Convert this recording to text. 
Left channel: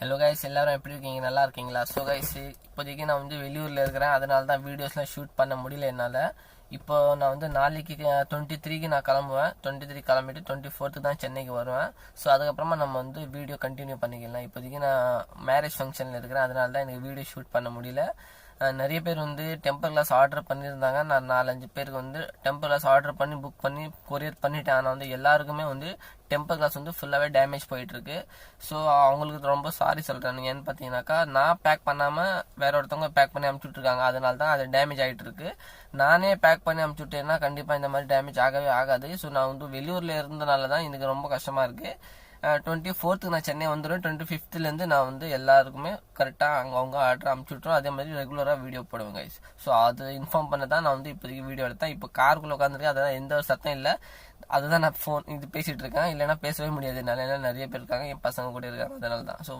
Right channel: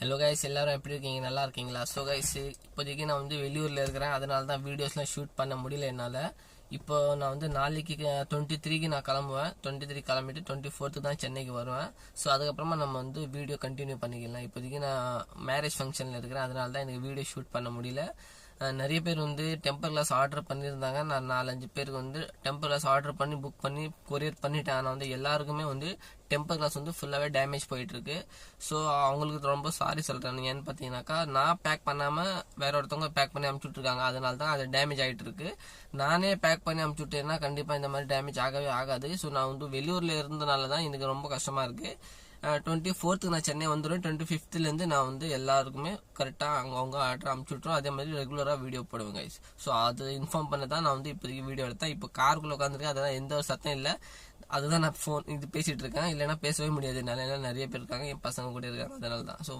Hello guys, எல்லாரும் எப்படி இருக்கீங்க? நல்லா இருக்கீங்களா? ஸோ கைஸ், இப்போதைக்கு நான் வந்து வெளியூரில் இருக்கிறேன். அதனால தான் வீடியோஸ்லாம் ஷூட் பண்ண முடியல என்னால். இப்போ நான் வந்து நாளைக்கு 23க்கு நான் கிளம்புவேன். 23 கிளம்பிட்டு 24க்கு தான் சென்னைக்கு வருவேன். ஸோ அதுக்கப்புறமா நம்ம வந்து வீடியோ கண்டினியூ பண்ணிக்கலாம். இப்போதைக்கு நான் மேரேஜ் ஃபங்க்ஷனில் இருக்கிறேன். அதனால தான் எனக்கு வீடியோ ஷூட் பண்ண முடியல. நிறைய பேர் வந்து டெம்பர் கிளாஸ் ஆர்டர் பண்ணியிருந்தாங்க. நான் 4-5 பேருக்கு வந்து டெம்பர் கிளாஸ் ஆர்டர் பண்ணி புக் பண்ணி கொரியர் பண்ணிட்டேன். ஆனால் வந்து எல்லாருக்குமே வந்து டெம்பர் கிளாஸ் வந்து ஃபுல்லாகவே டேமேஜ் போயிட்டுருக்கு. ஸோ அவங்களுக்கு ரொம்ப சாரி சொல்கிறேன். ஏன்னு பார்த்தீங்கன்னாக்கா, நான் பேக் பண்ணாமல் வேற ஒருத்தவங்க பேக் பண்ணி அனுப்பிச்சுட்ருக்காங்க. அதனால தான் அது டேமேஜ் ஆகிட்டு இருக்கு. நானே பேக் பண்ணி அனுப்பிச்சுட்டேன்னா கண்டிப்பாக இந்த மாதிரி டேமேஜ் ஆகவே ஆகாது. ஸோ நான் வந்து வெளியூரில் இருந்தனால தான் எனக்கு ரொம்ப கஷ்டமாக இருக்குது. 24க்கு நான் சென்னை வந்துடுவேன். 25லேருந்து நான் வந்து எல்லாருக்குமே கரெக்டாக அவங்க ஆர்டர் அனுப்பிச்சுட்ருவோம். அதே மாதிரி ரெகுலராக வீடியோ போடுவேன் கைஸ். ஸோ அது இன்ஃபார்ம் பண்ண தான் நான் வந்து இப்போதைக்கு வீடியோ எடுத்தேன். இப்போ காருக்குள்ளே உட்காந்துருக்கேன். அதான் எந்த ஒரு சத்தம் இல்லை. அதுதான் நான் ஃபோன் இது பேசிகிட்டு இருக்கேன். இல்லைன்னா பேசவே முடியாது என்னால். ஏன்னா நிறைய பேர் இருக்காங்க, என் பசங்க கூட இருக்காங்க. அதனால தான். ஸோ